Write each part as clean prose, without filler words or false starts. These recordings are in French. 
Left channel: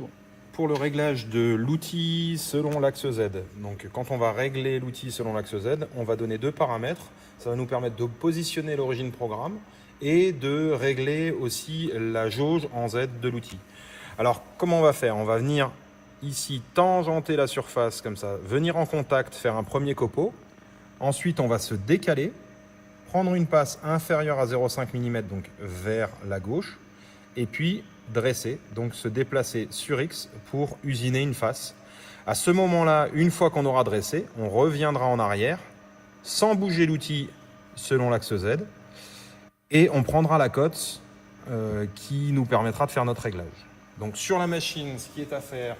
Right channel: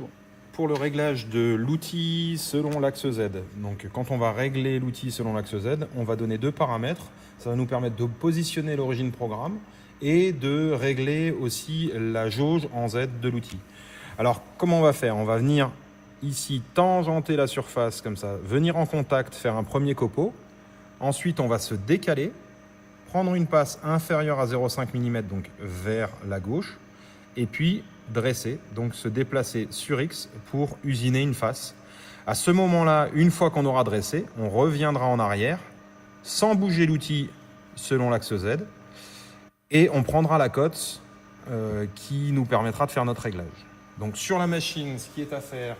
c'est bon. Pour le réglage de l'outil selon l'axe Z, donc quand on va régler l'outil selon l'axe Z, on va donner deux paramètres. Ça va nous permettre de positionner l'origine programme et de régler aussi la jauge en Z de l'outil. Alors, comment on va faire? On va venir ici tangenter la surface comme ça, venir en contact, faire un premier copeau. Ensuite, on va se décaler, prendre une passe inférieure à 0,5 mm, donc vers la gauche, et puis dresser, donc se déplacer sur X pour usiner une face. À ce moment-là, une fois qu'on aura dressé, on reviendra en arrière, sans bouger l'outil selon l'axe Z, et on prendra la cote qui nous permettra de faire notre réglage. Donc sur la machine, ce qui est à faire,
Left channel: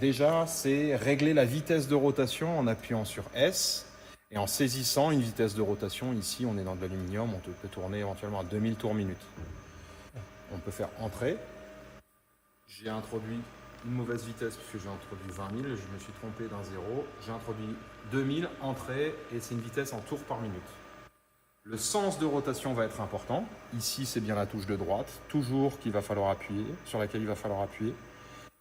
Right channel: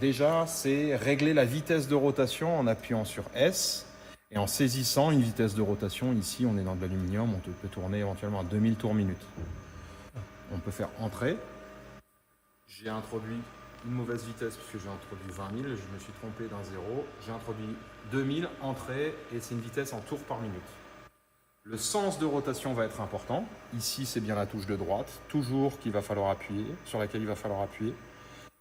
déjà, c'est régler la vitesse de rotation en appuyant sur S et en saisissant une vitesse de rotation. Ici, on est dans de l'aluminium, on peut tourner éventuellement à 2000 tours minute. On peut faire entrée. J'ai introduit une mauvaise vitesse puisque j'ai introduit 20 000, je me suis trompé d'un 0. J'ai introduit 2000, entrée, et c'est une vitesse en tours par minute. Le sens de rotation va être important. Ici, c'est bien la touche de droite, toujours qu'il va falloir appuyer, sur laquelle il va falloir appuyer.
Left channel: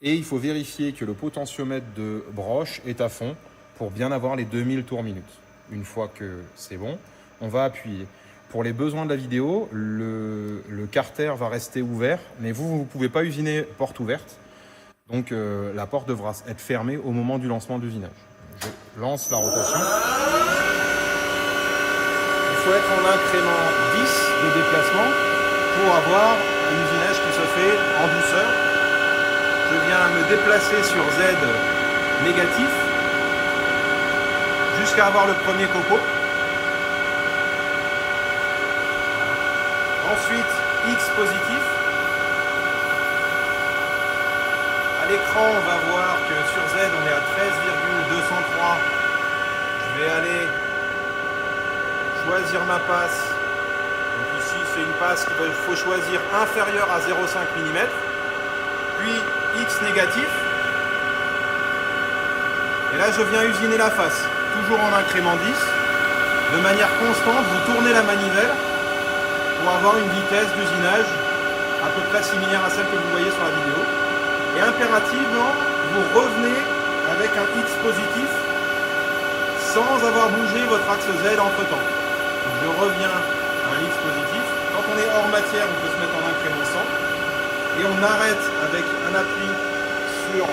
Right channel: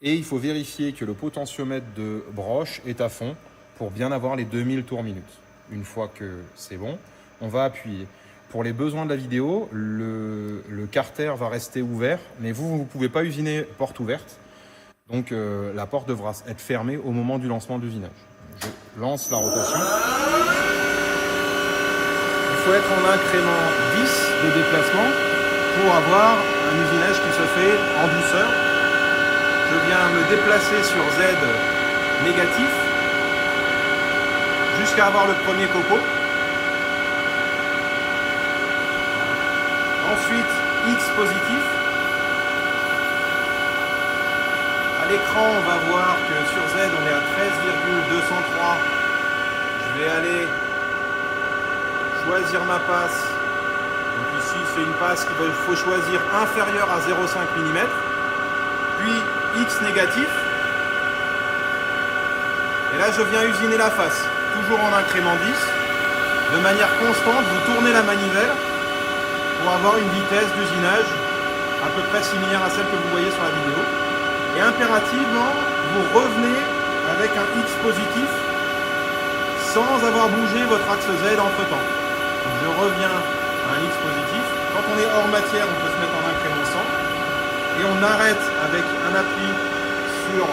Et il faut vérifier que le potentiomètre de broche est à fond pour bien avoir les 2000 tours minute. Une fois que c'est bon, on va appuyer. Pour les besoins de la vidéo, le carter va rester ouvert, mais vous ne pouvez pas usiner porte ouverte. Donc la porte devra être fermée au moment du lancement de l'usinage. Je lance la rotation. Il faut être en incrément 10 de déplacement pour avoir un usinage qui se fait en douceur. Je viens me déplacer sur Z négatif jusqu'à avoir le premier copeau. Ensuite, X positif. À l'écran, on va voir que sur Z, on est à 13,203. Je vais aller choisir ma passe. Donc ici, c'est une passe qu'il faut choisir inférieure à 0,5 mm. Puis X négatif. Et là, je viens usiner la face, toujours en incrément 10. De manière constante, vous tournez la manivelle pour avoir une vitesse d'usinage à peu près similaire à celle que vous voyez sur la vidéo. Et impérativement, vous revenez avec un X positif sans avoir bougé votre axe Z entre temps. Je reviens à un X positif. Quand on est hors matière, on peut se mettre en incrément 100. Et on arrête avec un appui sur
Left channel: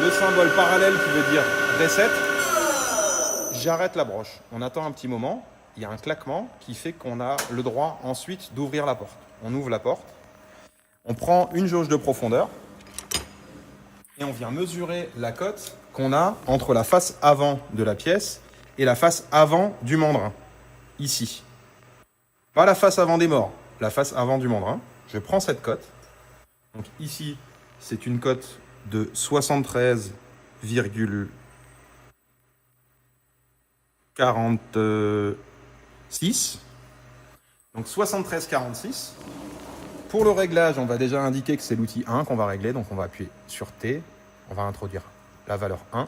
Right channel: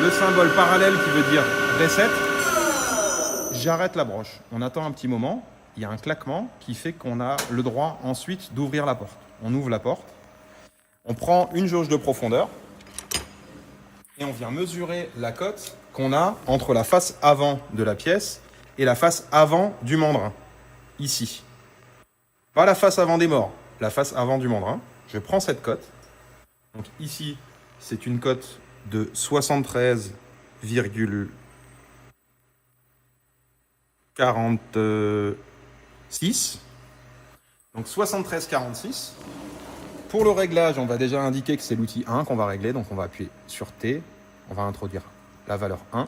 le symbole parallèle qui veut dire reset. J'arrête la broche. On attend un petit moment. Il y a un claquement qui fait qu'on a le droit ensuite d'ouvrir la porte. On ouvre la porte. On prend une jauge de profondeur. Et on vient mesurer la cote qu'on a entre la face avant de la pièce et la face avant du mandrin. Ici. Pas la face avant des morts, la face avant du mandrin. Je prends cette cote. Donc ici, c'est une cote de 73,46. Donc 73,46. Pour le réglage, on va déjà indiquer que c'est l'outil 1 qu'on va régler. Donc on va appuyer sur T. On va introduire la valeur 1.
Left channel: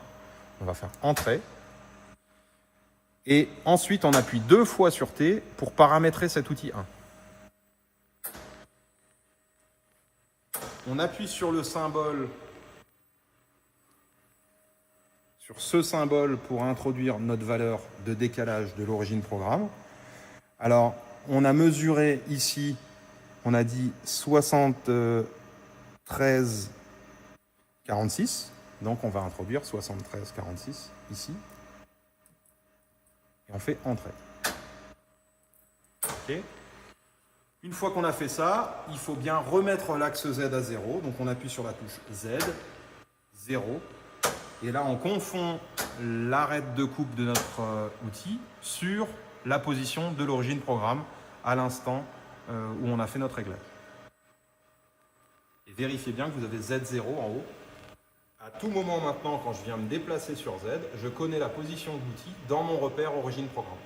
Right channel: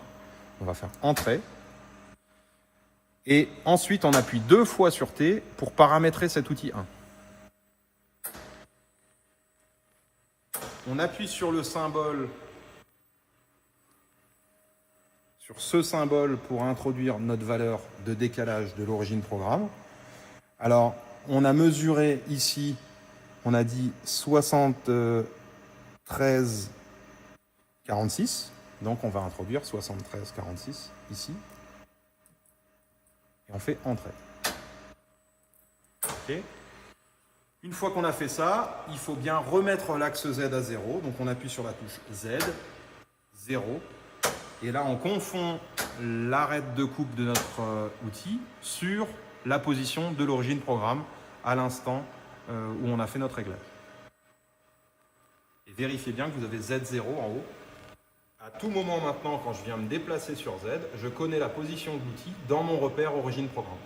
On va faire entrée. Et ensuite, on appuie 2 fois sur T pour paramétrer cet outil 1. On appuie sur le symbole, sur ce symbole pour introduire notre valeur de décalage de l'origine programme. Alors, on a mesuré ici, on a dit 73,46. Donc, on va introduire 73,46 ici. Et on fait entrée. Okay. Une fois qu'on a fait ça, il faut bien remettre l'axe Z à 0. Donc on appuie sur la touche Z, 0. Et là, on confond l'arête de coupe de notre outil sur la position de l'origine programme à l'instant où on a fait notre réglage. Et vérifiez bien que vous avez Z0 en haut. À tout moment maintenant, quand je viens me déplacer sur Z, je connais la position de l'outil dans mon repère origine programme.